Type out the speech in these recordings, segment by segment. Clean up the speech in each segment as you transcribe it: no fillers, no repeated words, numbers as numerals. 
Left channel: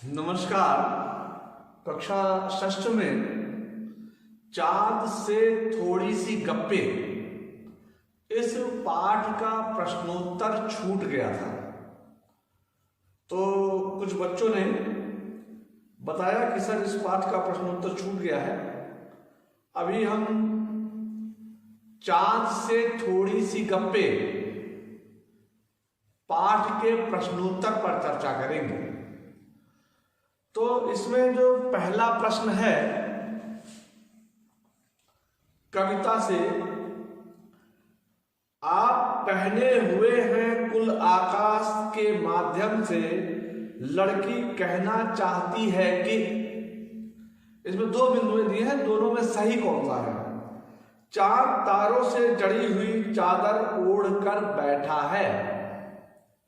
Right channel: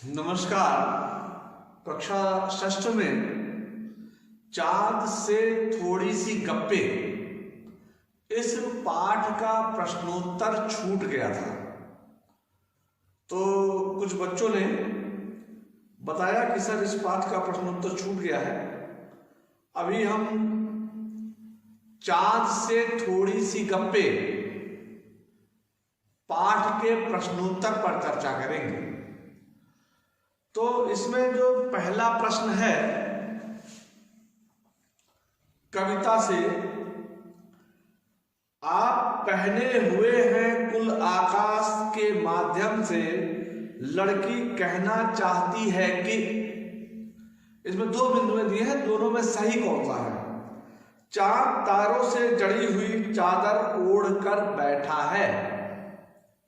नमस्कार। कक्षा षष्ठ में चाँद से थोड़ी सी गप्पे इस पाठ का प्रश्नोत्तर छूट गया था, तो कुछ बच्चों ने बताया कि सर इस पाठ का प्रश्नोत्तर छूट गया है। अभी हम चाँद से थोड़ी सी गप्पे पाठ के प्रश्नोत्तर पर चर्चा करेंगे। तो इसमें जो पहला प्रश्न है कविता से, आप पहने हुए हैं कुल आकाश के माध्यम से लड़की कहना चाहती है कि, इसमें दो बिंदुएं दिए हैं, दोनों में सही कौन सा है। चांद तारों से जड़ी हुई चादर ओढ़कर बैठा है।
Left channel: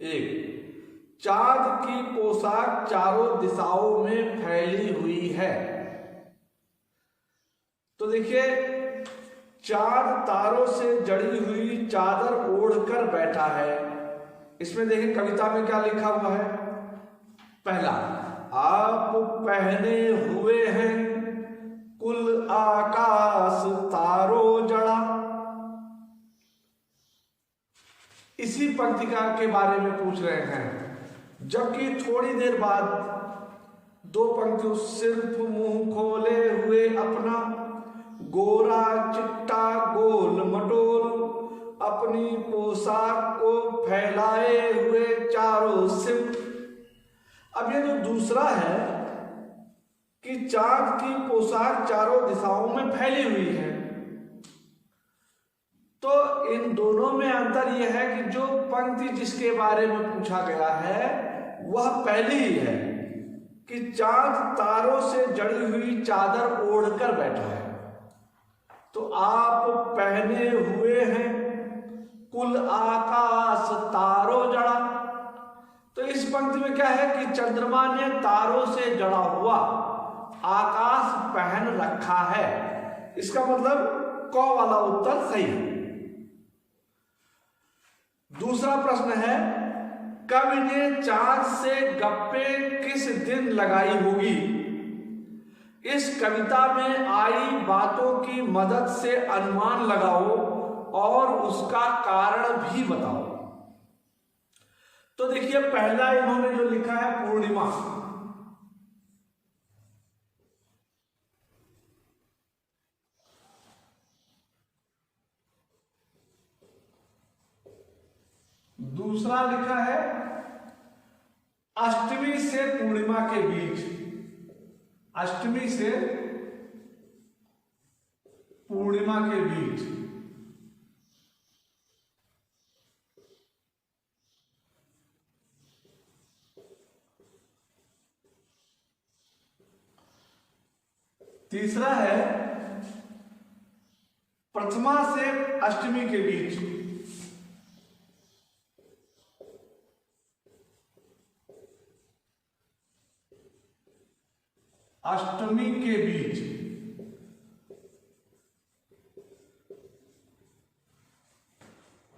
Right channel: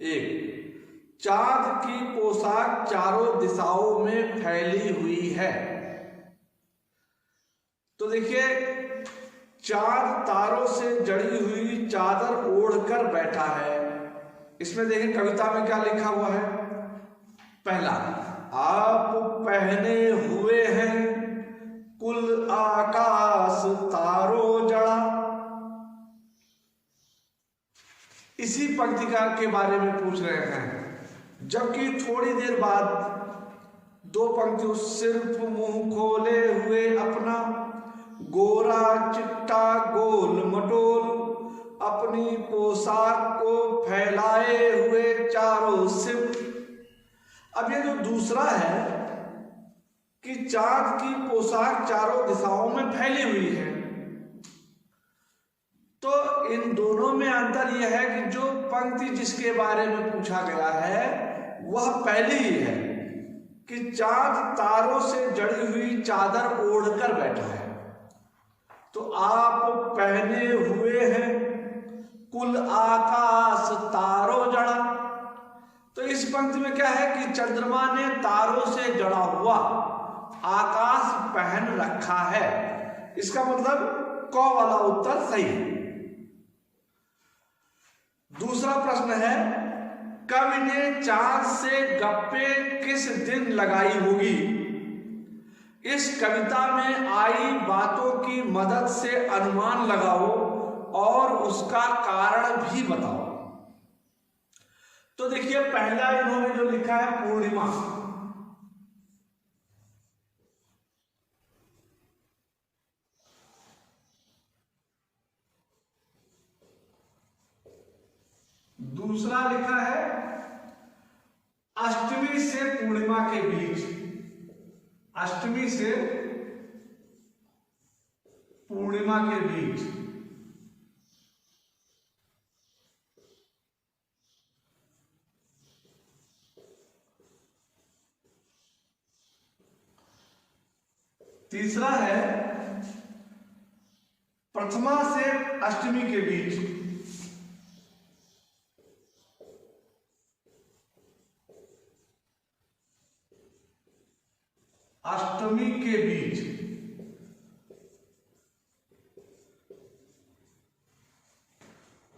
एक, चांद की पोशाक चारों दिशाओं में फैली हुई है। तो देखिए, चांद तारों से जड़ी हुई चादर ओढ़कर बैठा है, इसमें देखिए कविता में क्या लिखा हुआ है। पहला, आप पहने हुए हैं कुल आकाश तारों जड़ा। इसी पंक्तिका के बारे में पूछ रहे हैं, जबकि थोड़ी देर बाद दो पंक्तियों, सिर्फ मुंह खोले हुए अपना गोरा चिट्टा गोल मटोल अपनी पोशाक को फैलाए हुए चारों सिर। अब ये जो दूसरा है कि चांद की पोशाक चारों दिशाओं में फैली हुई है, तो इन दोनों में अंतर यह है कि जो पंक्ति जिसके बारे में पूछा गया है वह पहली ही है कि चांद तारों से जड़ी हुई चादर ओढ़कर बैठा है। तो आप पहने हुए हैं कुल आकाश तारों जड़ा। तो इस पंक्ति में क्या है कि चंद्रमा ने तारों से जड़ा हुआ आकाश पहन रखा है। इसका मतलब क वाला उत्तर सही है। दूसरा प्रश्न है, कवि ने चांद से गप्पे किस दिन लगाई होगी। इस कविता में आई बातों की मदद से अनुमान लगाओ और उसका कारण भी बताओ। तो देखिए, पहला इन्होंने जो लिखा है पूर्णिमा, दूसरा लिखा है अष्टमी से पूर्णिमा के बीच, अष्टमी से पूर्णिमा के बीच। तीसरा है प्रथमा से अष्टमी के बीच। अष्टमी के बीच।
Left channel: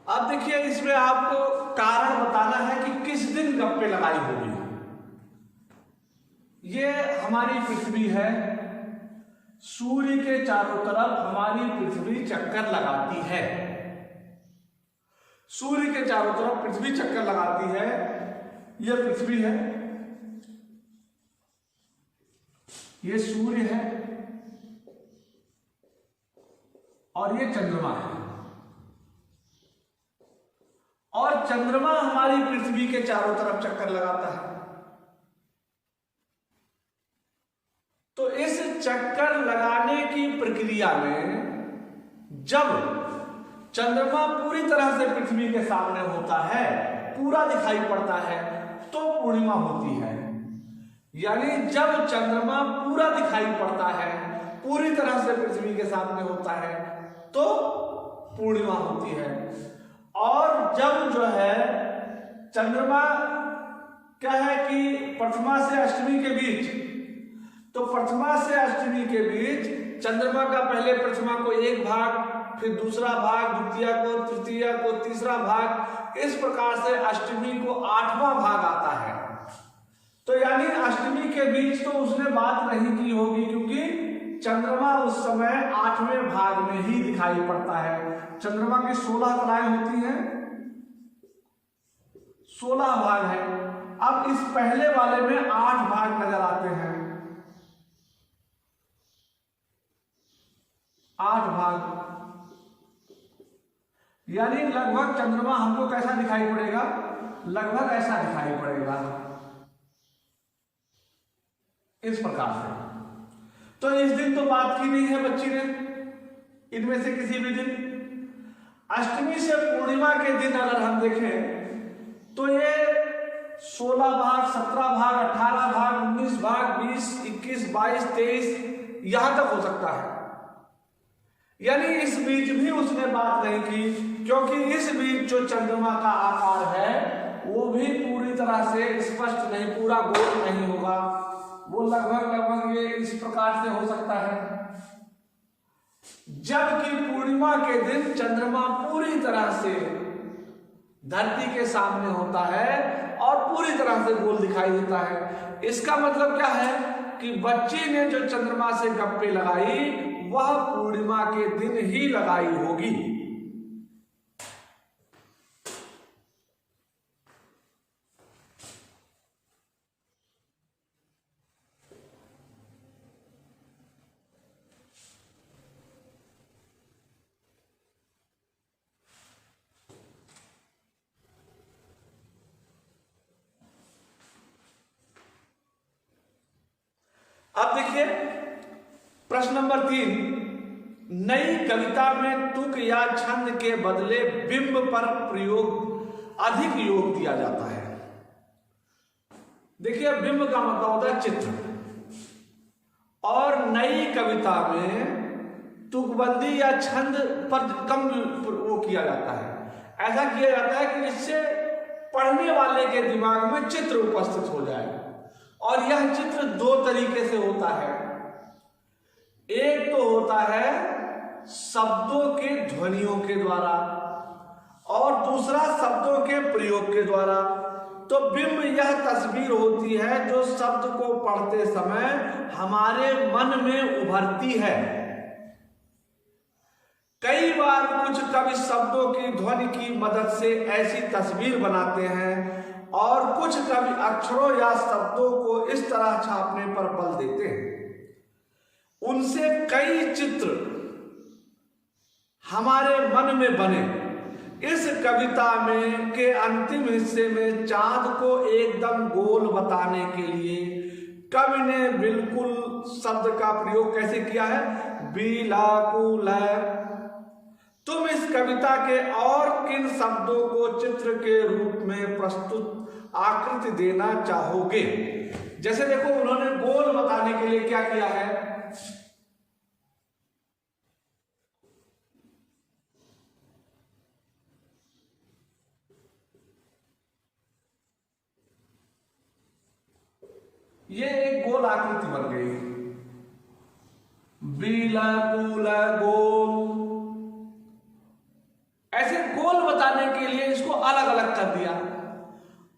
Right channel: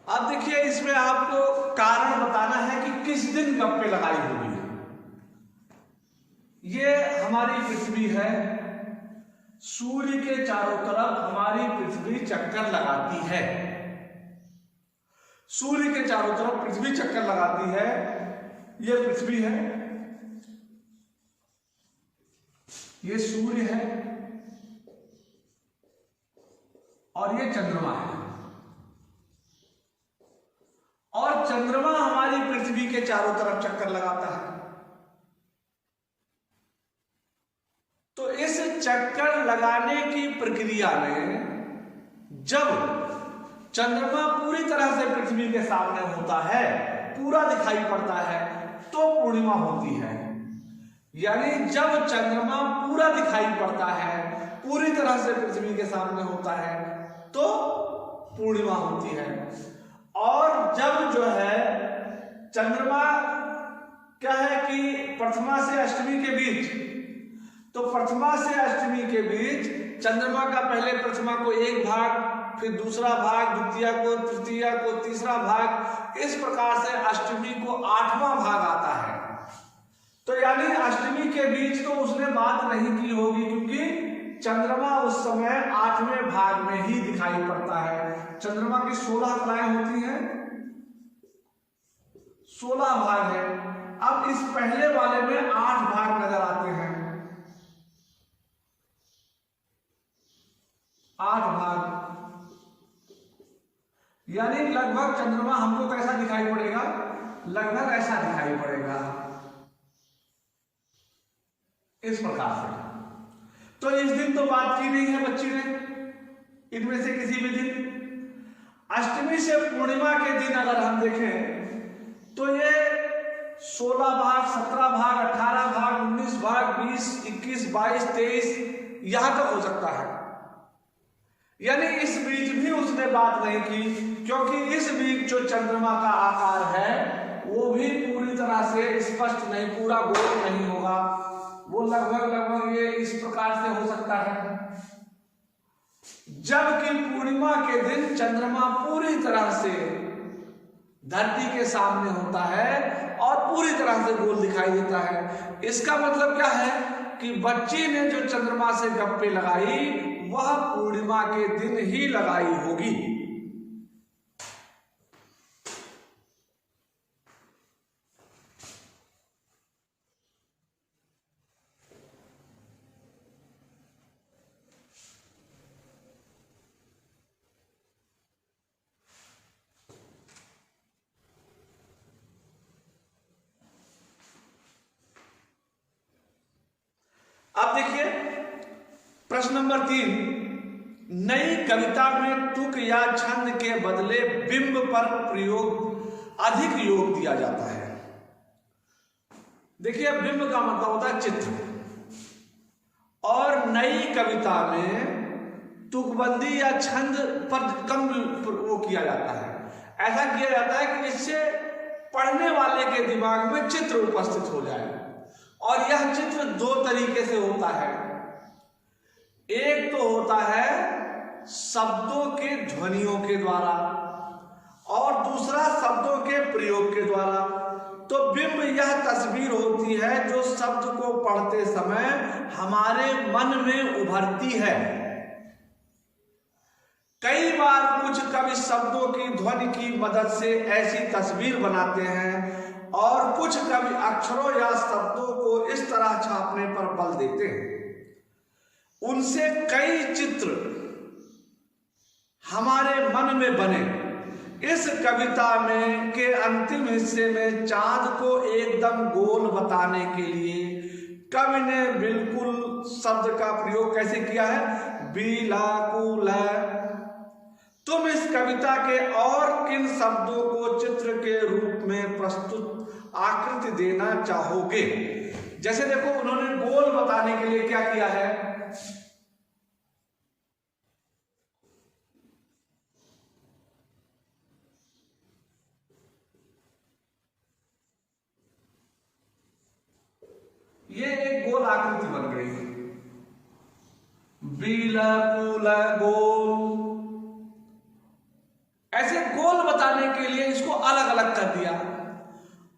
अब देखिए, इसमें आपको कारण बताना है कि किस दिन गप्पे लगाई होगी। ये हमारी पृथ्वी है, सूर्य के चारों तरफ हमारी पृथ्वी चक्कर लगाती है। सूर्य के चारों तरफ पृथ्वी चक्कर लगाती है। ये पृथ्वी है, ये सूर्य है और ये चंद्रमा है। और चंद्रमा हमारी पृथ्वी के चारों तरफ चक्कर लगाता है। तो इस चक्कर लगाने की प्रक्रिया में जब चंद्रमा पूरी तरह से पृथ्वी के सामने होता है, पूरा दिखाई पड़ता है, तो पूर्णिमा होती है। यानी जब चंद्रमा पूरा दिखाई पड़ता है, पूरी तरह से पृथ्वी के सामने होता है, तो पूर्णिमा होती है। और जब जो है चंद्रमा क्या है कि प्रथमा से अष्टमी के बीच, तो प्रथमा से अष्टमी के बीच चंद्रमा का पहले प्रथमा को एक भाग, फिर दूसरा भाग, द्वितीया को, तृतीया को, तीसरा भाग, इस प्रकार से अष्टमी को आठवां भाग आता है। तो यानी अष्टमी के बीच तो उसने बात नहीं की होगी, क्योंकि चंद्रमा उस समय 8वें भाग में ही दिखाई पड़ता है। चंद्रमा की 16 कलाएं होती हैं, 16 भाग है। अब इस पहले वाले में 8 भाग नजर आते हैं, 8 भाग, यानी लगभग चंद्रमा हमको कैसा दिखाई पड़ेगा, लगभग ऐसा दिखाई पड़ेगा, इस प्रकार से। तो इस दिन तो बात की नहीं है बच्ची ने, इनमें से किसी भी दिन। अष्टमी से पूर्णिमा के दिन अगर हम देखें तो ये 16 भाग, 17 भाग, 18 भाग, 19 भाग, 20, 21, 22, 23 यहां तक हो सकता है। यानी इस बीच भी उसने बात नहीं की, क्योंकि इस बीच जो चंद्रमा का आकार है वो भी पूरी तरह से स्पष्ट नहीं, पूरा गोल नहीं होगा, वो लगभग ये इस प्रकार से हो सकता है। जबकि पूर्णिमा के दिन चंद्रमा पूरी तरह से धरती के सामने होता है और पूरी तरह से गोल दिखाई देता है। इसका मतलब क्या है कि बच्ची ने जो चंद्रमा से गप्पे लगाई वह पूर्णिमा के दिन ही लगाई होगी। अब देखिए प्रश्न नंबर 3, नई कविता में तुक या छंद के बदले बिंब पर प्रयोग अधिक योग दिया जाता है। देखिए बिंब का मतलब होता है चित्र, और नई कविता में तुकबंदी या छंद पर कम वो किया जाता है। ऐसा किया जाता है कि इससे पढ़ने वाले के दिमाग में चित्र उपस्थित हो जाए, और यह चित्र 2 तरीके से होता है। एक तो होता है शब्दों के ध्वनियों के द्वारा, और दूसरा शब्दों के प्रयोग के द्वारा। तो बिंब यह तस्वीर होती है जो शब्द को पढ़ते समय हमारे मन में उभरती है। कई बार कुछ कवि शब्दों की ध्वनि की मदद से ऐसी तस्वीर बनाते हैं, और कुछ कवि अक्षरों या शब्दों को इस तरह छापने पर बल देते हैं, उनसे कई चित्र हमारे मन में बने। इस कविता में के अंतिम हिस्से में चांद को एकदम गोल बताने के लिए कवि ने बिल्कुल शब्द का प्रयोग कैसे किया है, बिलाकुल। तुम इस कविता के और किन शब्दों को चित्र के रूप में प्रस्तुत आकृति देना चाहोगे? जैसे देखो उन्होंने गोल बताने के लिए क्या किया है, ये एक गोल आकृति बन गई, बिलाकुल गोल। ऐसे गोल बताने के लिए इसको अलग अलग कर दिया।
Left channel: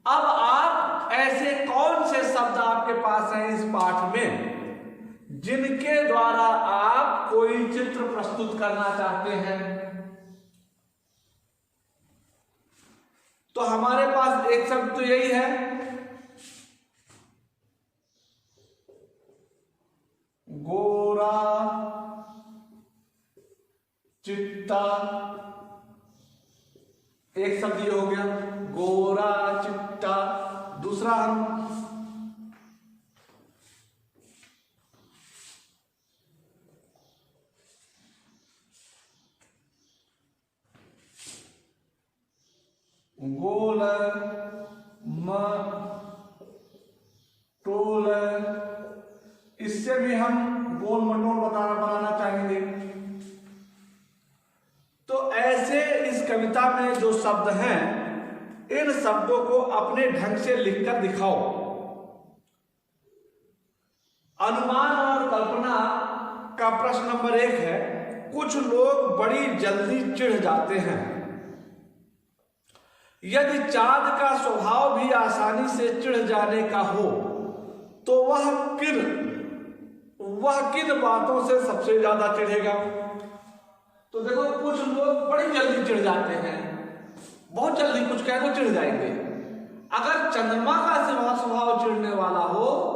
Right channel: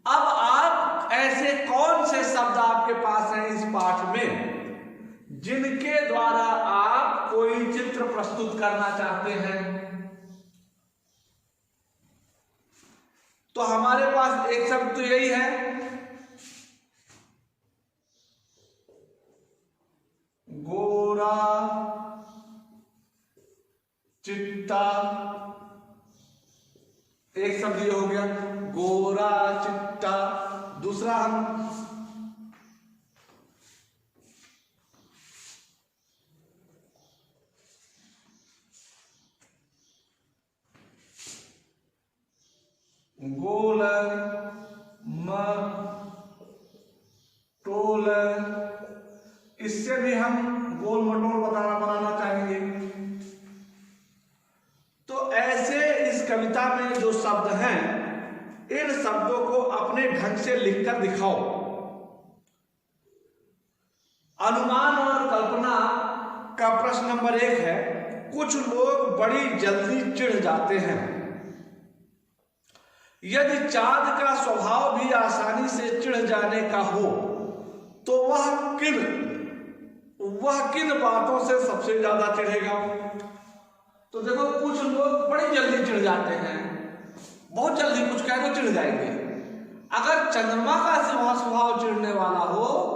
अब आप ऐसे कौन से शब्द आपके पास हैं इस पाठ में जिनके द्वारा आप कोई चित्र प्रस्तुत करना चाहते हैं? तो हमारे पास एक शब्द तो यही है, गोरा चिट्टा। एक शब्द ये हो गया गोरा चिट्टा। दूसरा हम गोल मटोल, इससे भी हम गोल मटोल बनाना चाहेंगे। तो ऐसे इस कविता में जो शब्द हैं, इन शब्दों को अपने ढंग से लिखकर दिखाओ। अनुमान और कल्पना का प्रश्न नंबर 1 है, कुछ लोग बड़ी जल्दी चिढ़ जाते हैं। यदि चाँद का स्वभाव भी आसानी से चिढ़ जाने का हो तो वह किन बातों से सबसे ज्यादा चिढ़ेगा? तो देखो, कुछ लोग बड़ी जल्दी चिढ़ जाते हैं, बहुत जल्दी कुछ कहे तो चिढ़ जाएंगे। अगर चंद्रमा का स्वभाव चिढ़ने वाला हो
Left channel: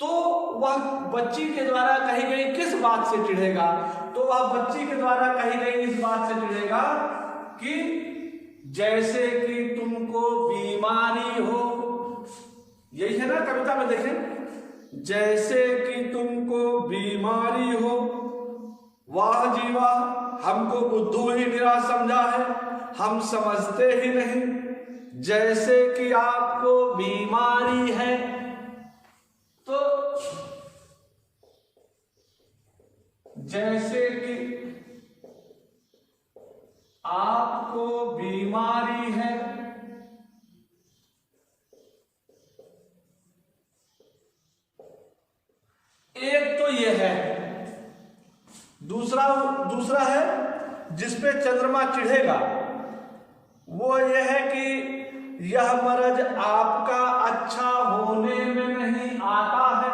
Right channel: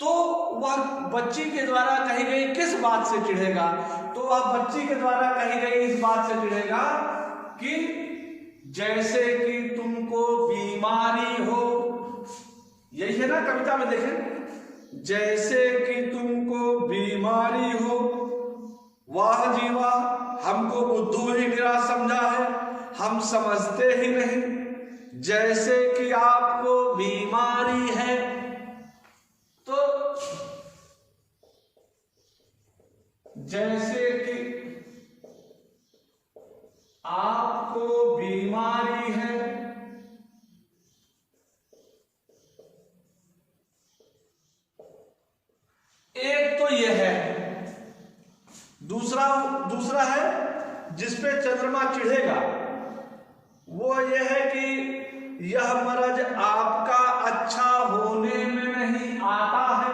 तो वह बच्ची के द्वारा कही गई किस बात से चिढ़ेगा? तो वह बच्ची के द्वारा कही गई इस बात से चिढ़ेगा कि जैसे कि तुमको बीमारी हो। यही है ना कविता में, देखें, जैसे कि तुमको बीमारी हो, वाह जी वाह, हमको बुद्धू ही निराश समझा है, हम समझते ही नहीं, जैसे कि आपको बीमारी है। तो जैसे कि आपको बीमारी है, एक तो यह है। दूसरा है जिसपे चंद्रमा चिढ़ेगा, वो यह है कि यह मर्ज आपका अच्छा होने में नहीं आता है।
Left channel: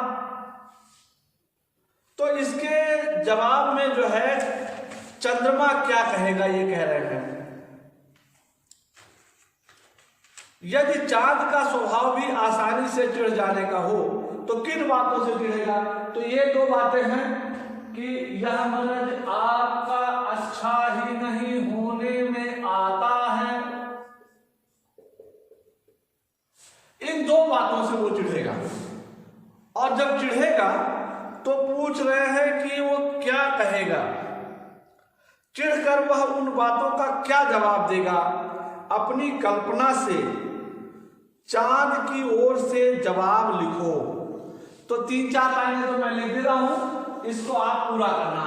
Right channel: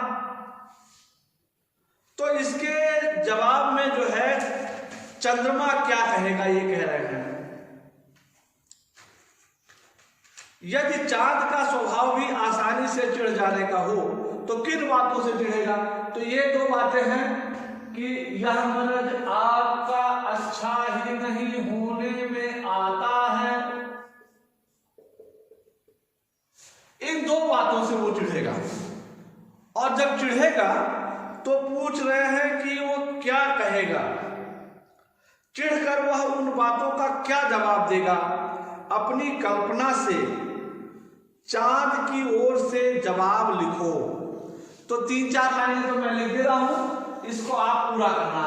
तो इसके जवाब में जो है चंद्रमा क्या कहेगा, ये कह रहे हैं, यदि चांद का स्वभाव भी आसानी से चिढ़ जाने का हो तो किन बातों से चिढ़ेगा? तो ये दो बातें हैं कि यह मर्ज आपका अच्छा ही नहीं होने में आता है। इन दो बातों से वो चिढ़ेगा। और जब चिढ़ेगा तो पूछ रहे हैं कि वो क्या कहेगा, चिढ़कर वह उन बातों का क्या जवाब देगा? अपनी कल्पना से चांद की ओर से जवाब लिखो। तो 3-4 लाइनें तो मैं लिख दे रहा हूं, इसको आप पूरा करना।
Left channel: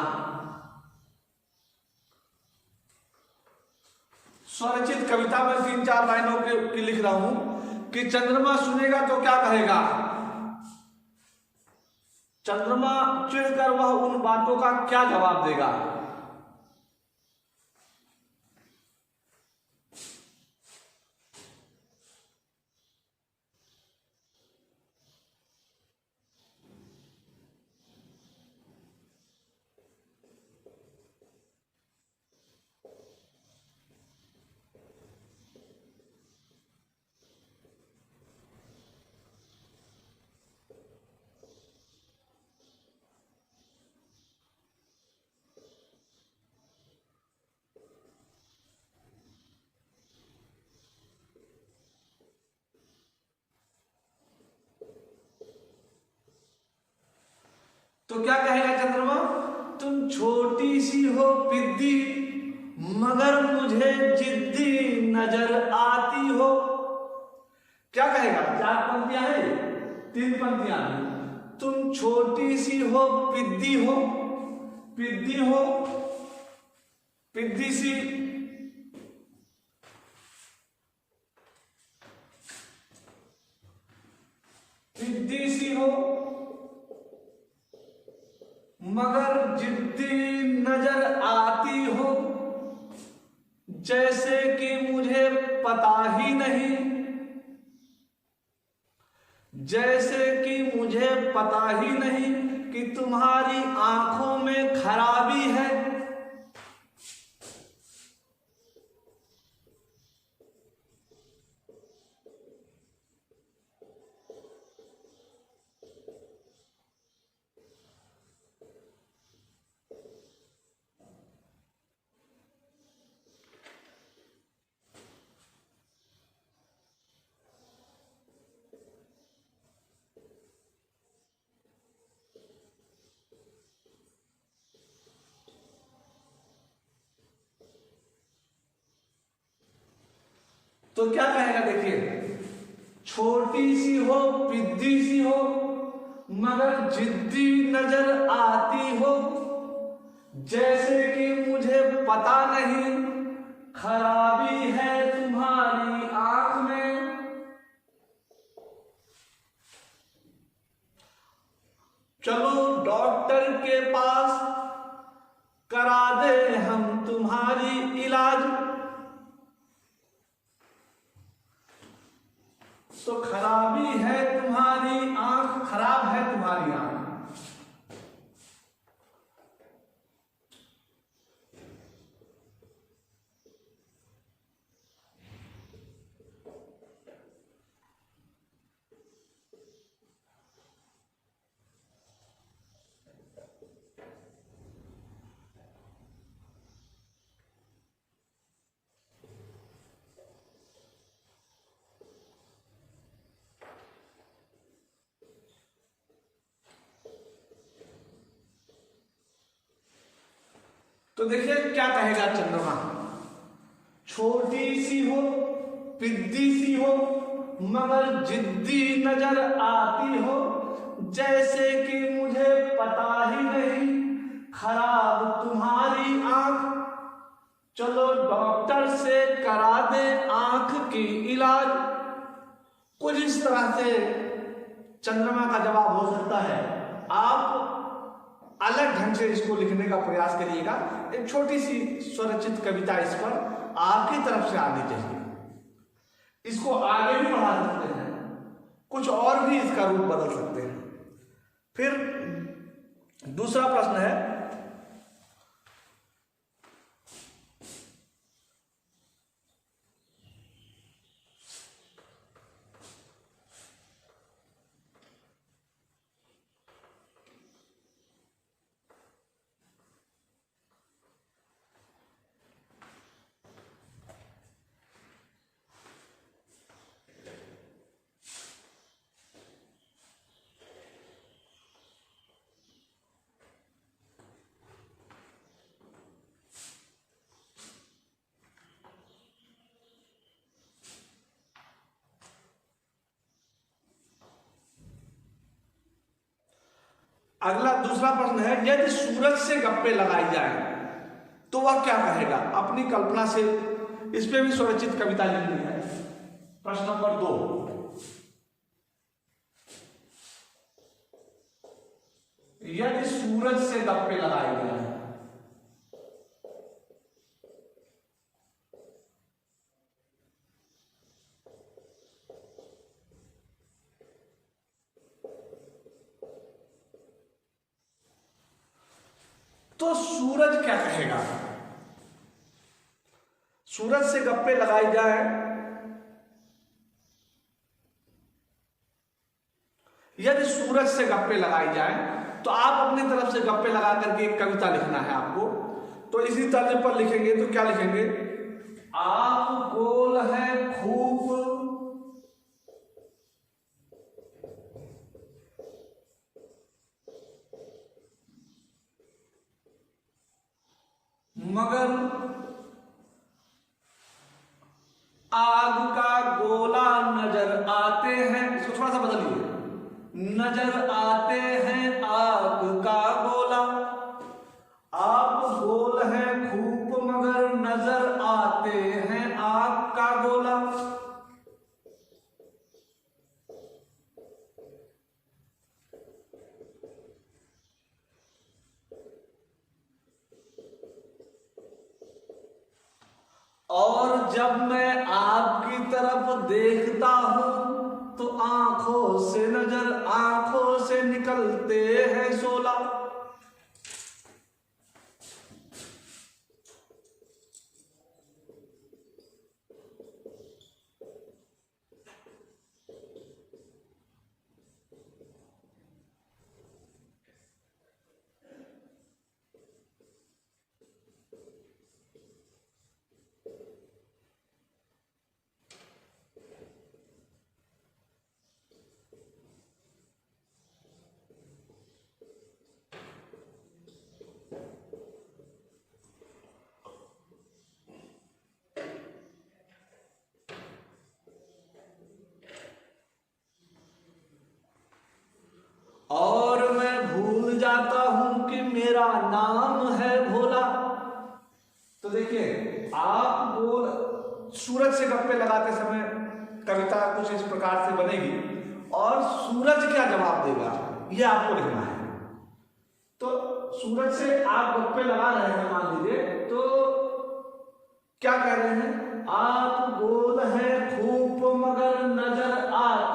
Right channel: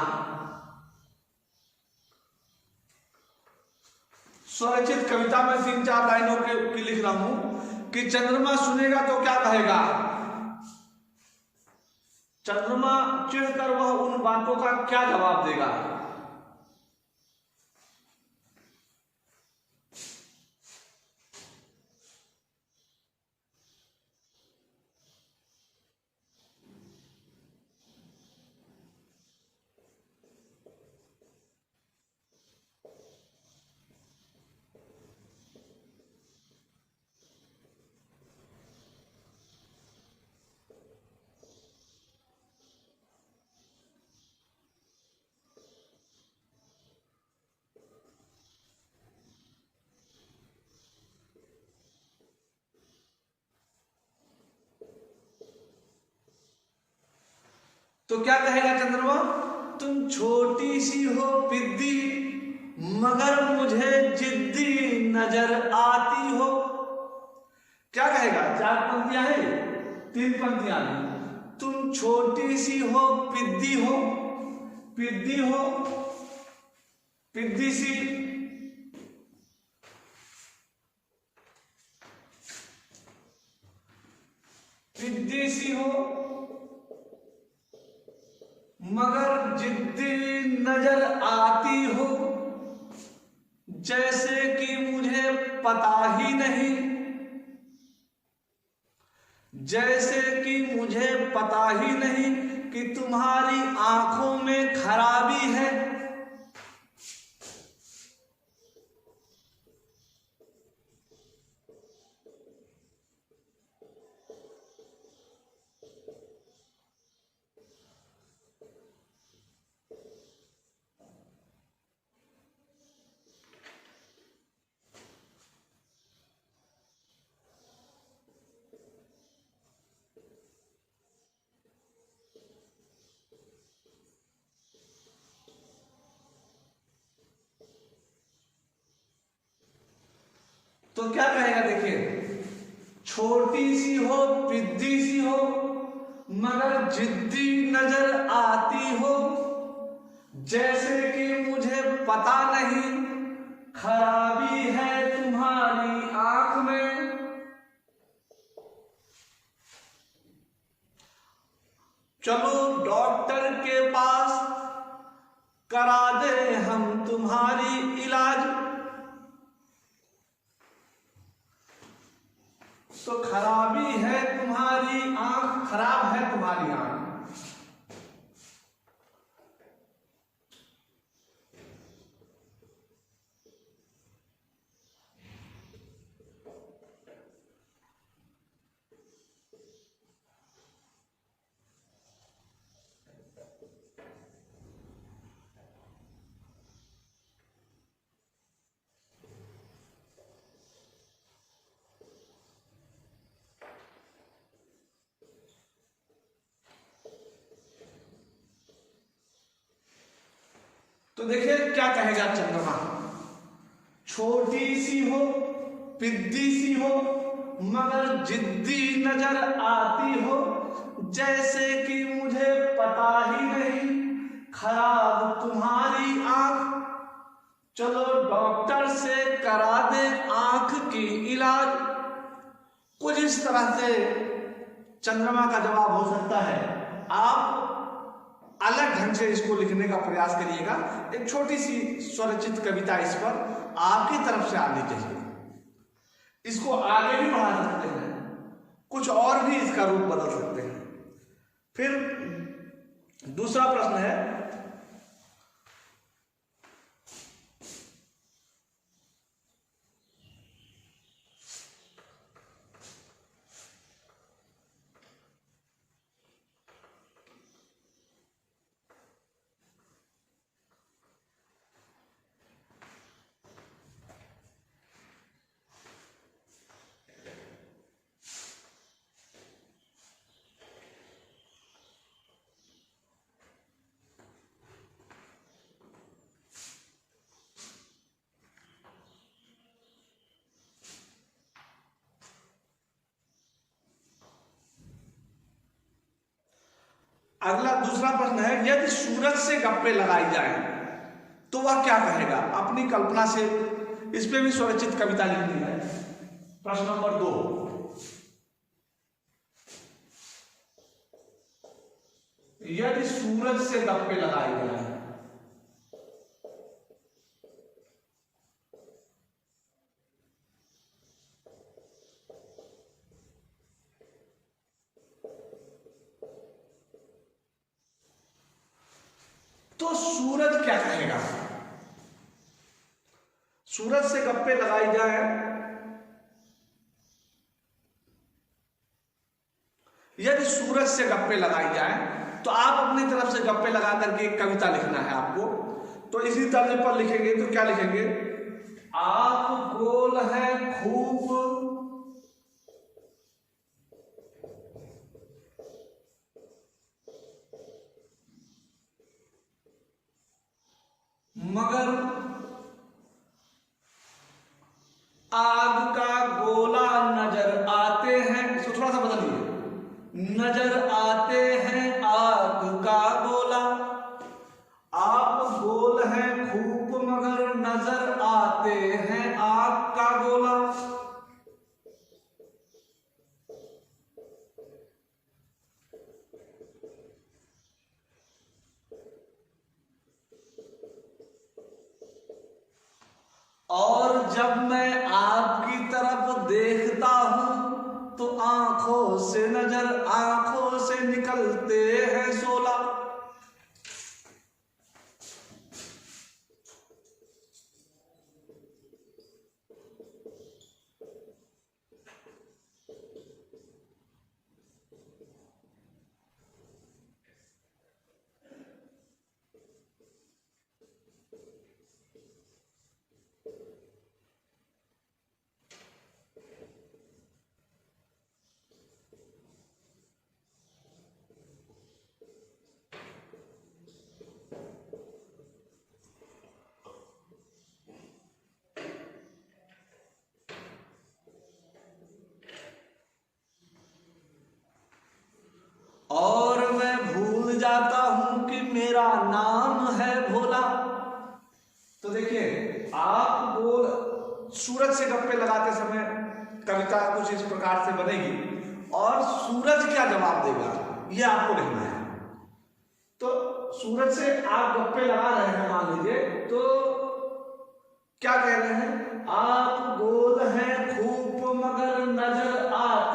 स्वरचित कविता में 3-4 लाइनों की लिख रहा हूं कि चंद्रमा सुनेगा तो क्या कहेगा। चंद्रमा चिढ़कर वह उन बातों का क्या जवाब देगा। तो क्या कहेगा चंद्रमा? तुम छोटी सी हो पिद्दी मगर मुझे जिद्दी नजर आती हो। क्या कहेगा? 4 पंक्तियां हैं, 3 पंक्तियां। तुम छोटी सी हो, पिद्दी सी, पिद्दी सी, पिद्दी सी हो मगर जिद्दी नजर आती हो, जैसे कि मुझे पता ही नहीं, जैसे कि मुझे पता ही नहीं कि तुम्हारी आंखों में खराबी है। तो क्या कहेगा? देखिए, छोटी सी हो, पिद्दी सी हो मगर जिद्दी नजर आती हो, जैसे कि मुझे पता नहीं खराबी है तुम्हारी आंख में। चलो डॉक्टर के पास करा दे हम तुम्हारी इलाज। तो खराबी है तुम्हारी आंख, खराब है तुम्हारी आंख। तो देखिए क्या कहेगा चंद्रमा, छोटी सी हो, पिद्दी सी हो, मगर जिद्दी नजर आती हो, जैसे कि मुझे पता ही नहीं खराब तुम्हारी आंख। चलो डॉक्टर से करा दे आंख की इलाज। कुछ इस तरह से चंद्रमा का जवाब हो सकता है। आप अलग ढंग से इसको लिखने का प्रयास करिएगा। एक छोटी सी स्वरचित कविता इस पर आपकी तरफ से आनी चाहिए। इसको आगे भी बढ़ा सकते हैं, कुछ और भी इसका रूप बदल सकते हैं। फिर दूसरा प्रश्न है, अगला दूसरा प्रश्न है, यदि सूरज से गप्पे लगाई जाए तो वह क्या कहेगा? अपनी कल्पना से इस पे भी स्वरचित कविता लिखनी है। प्रश्न नंबर 2, यदि सूरज से गप्पे लगाई जाए तो सूरज क्या कहेगा? सूरज से गप्पे लगाई जाए, यदि सूरज से गप्पे लगाई जाए तो आप अपनी तरफ से गप्पे लगा करके एक कविता लिखना है आपको। तो इसी तर्ज पर लिखेंगे तो क्या लिखेंगे? आप गोल है खूब मगर आग का गोला नजर आते हैं। इसको थोड़ा सा बदलिए, नजर आते हैं आग का गोला। आप गोल हैं खूब मगर नजर आते हैं आग का गोला। और जब मैं आपकी तरफ देखता हूं तो आंखों से निकलते हैं शोला। और मैं भूल जाता हूं कि मेरा नाम है भोला। तो देखिए, आप गोल सूरज से गप्पे लगाते समय कविता कुछ इस प्रकार से बनेगी और सूरज क्या जवाब देगा ये आपको लिखना है। तो सूरज से आप गप्पे लगा रहे हैं, मान लीजिए, तो क्या कह रहे हैं? आप गोल हैं खूब मगर नजर आ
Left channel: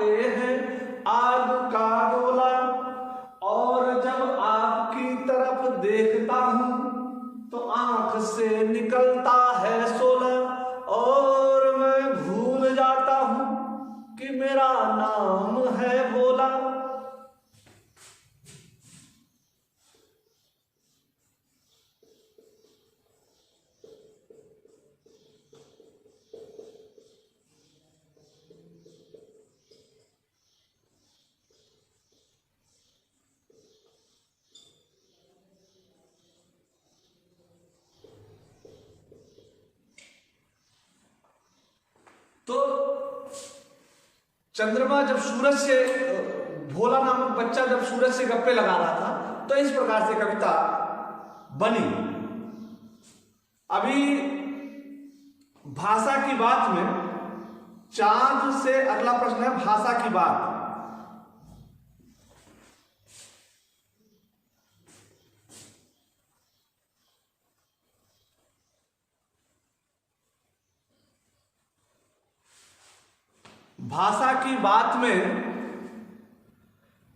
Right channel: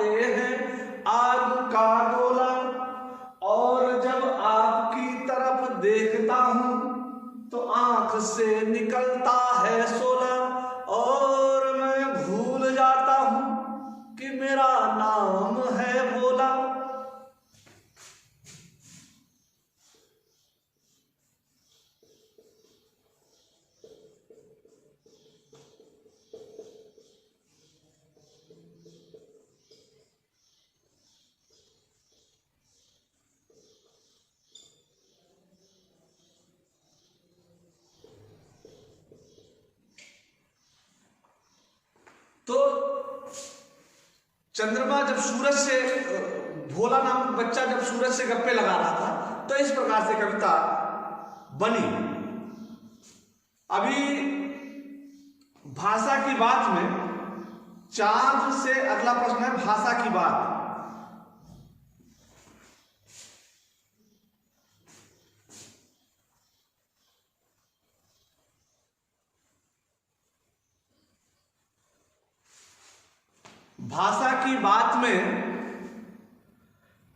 चंद्रमा जब सूरज से, भोला नामक बच्चा जब सूरज से गप्पे लगा रहा था, तो इस प्रकार से कविता बनी। अभी भाषा की बात में चांद से अगला प्रश्न है भाषा की बात। भाषा की बात में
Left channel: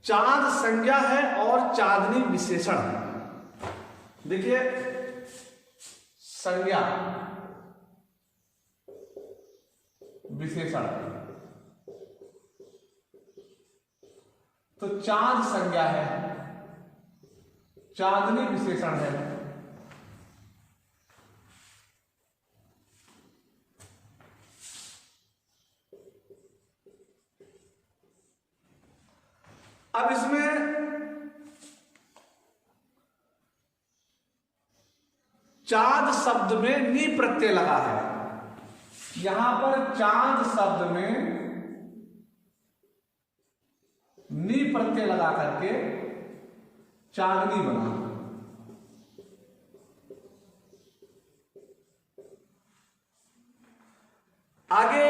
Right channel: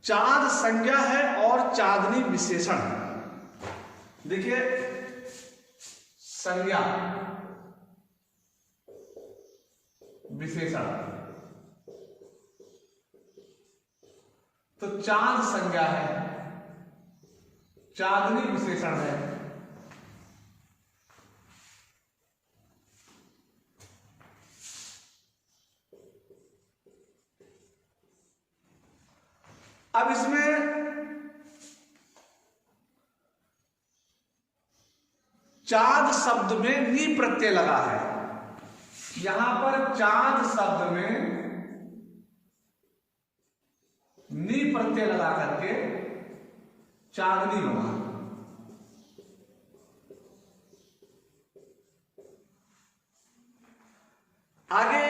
चांद संज्ञा है और चांदनी विशेषण है। देखिए, संज्ञा विशेषण, तो चांद संज्ञा है, चांदनी विशेषण है। अब इसमें चांद शब्द में नी प्रत्यय लगा है। यहां पर चांद शब्द में नी प्रत्यय लगा करके चांदनी बना। आगे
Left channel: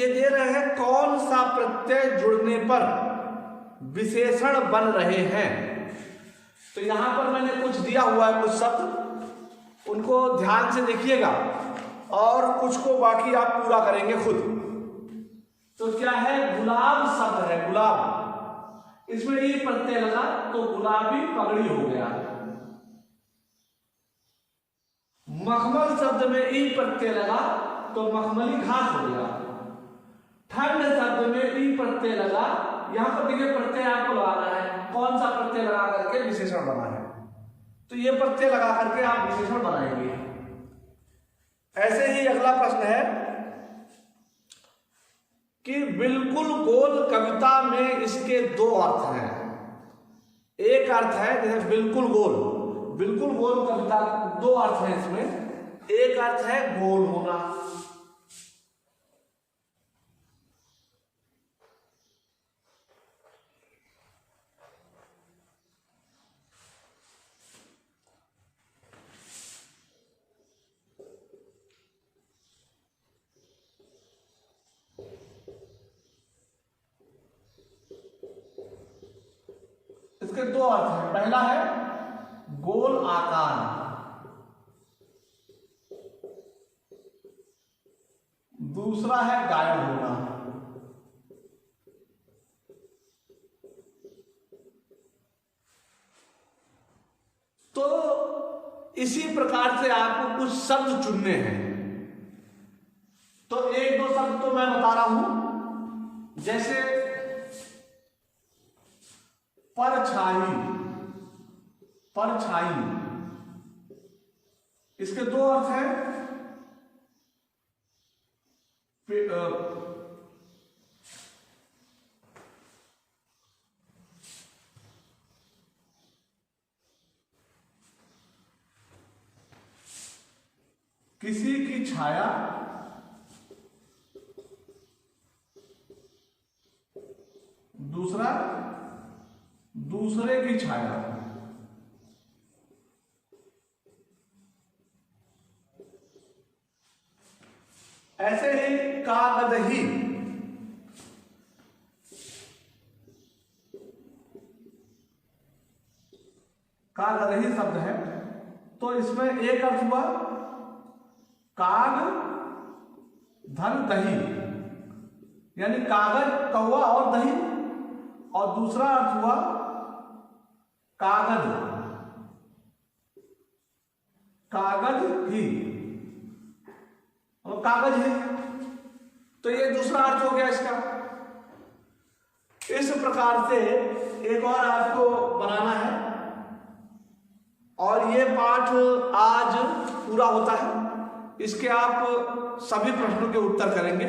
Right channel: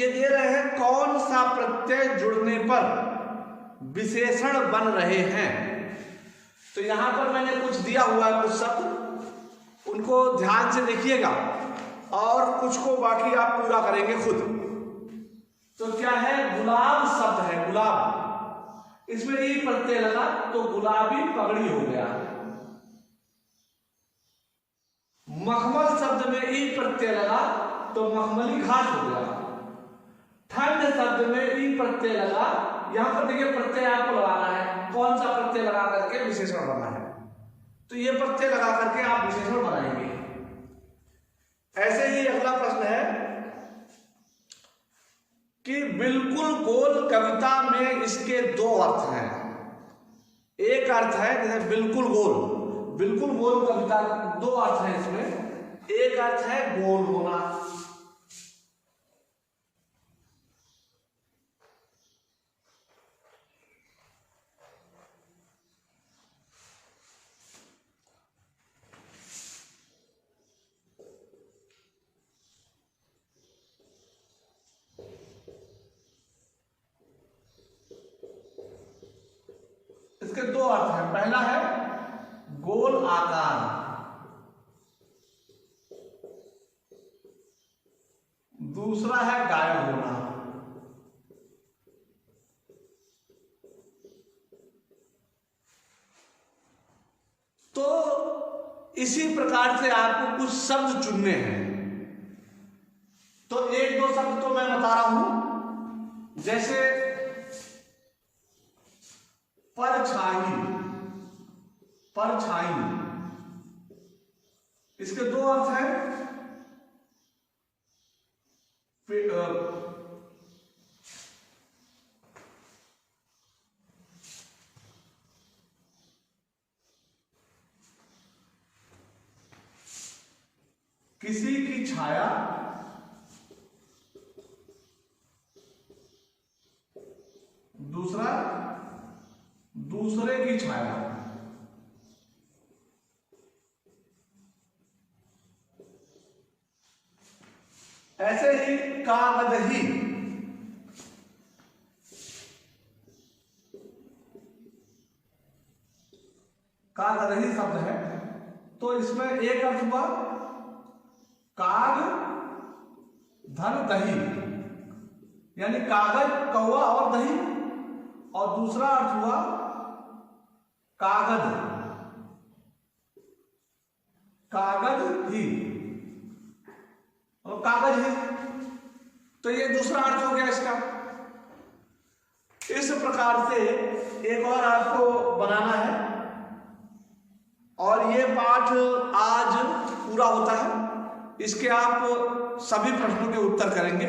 ये दे रहे हैं कौन सा प्रत्यय जुड़ने पर विशेषण बन रहे हैं। तो यहां पर मैंने कुछ दिया हुआ है, कुछ शब्द, उनको ध्यान से देखिएगा और कुछ को बाकी आप पूरा करेंगे खुद। तो क्या है, गुलाब शब्द है, गुलाब, इसमें ई प्रत्यय लगा तो गुलाबी पगड़ी हो गया। मखमल शब्द में ई प्रत्यय लगा तो मखमली घास हो गया। ठंड शब्द में ई प्रत्यय लगा, यहां पर देखिए प्रत्यय आपको लगाना है, कौन सा प्रत्यय लगा करके विशेषण बना है, तो ये प्रत्यय लगा करके आप विशेषण बनाएंगे। ऐसे ही अगला प्रश्न है कि बिल्कुल गोल कविता में इसके दो अर्थ हैं। एक अर्थ है जैसे बिल्कुल गोल कविता, दो अर्थ हैं इसमें। एक अर्थ है गोल होना, इसके दो अर्थ हैं। पहला है गोल आकार, दूसरा है गायब होना। तो इसी प्रकार से आपको कुछ शब्द चुनने हैं। तो एक दो शब्द तो मैं बता रहा हूं, जैसे परछाई, परछाई, इसके दो अर्थ हैं। किसी की छाया, दूसरा दूसरे की छाया। ऐसे ही कागदही, कागदही शब्द है, तो इसमें एक अर्थ हुआ काग धन दही, यानी कागज कौवा और दही, और दूसरा अर्थ हुआ कागज, कागज ही और कागज ही। तो ये दूसरा अर्थ हो गया इसका। इस प्रकार से एक और अर्थ को बनाना है और ये पाठ आज पूरा होता है। इसके आप सभी प्रश्नों के उत्तर करेंगे।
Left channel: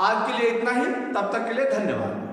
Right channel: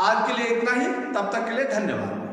आज के लिए इतना ही, तब तक के लिए धन्यवाद।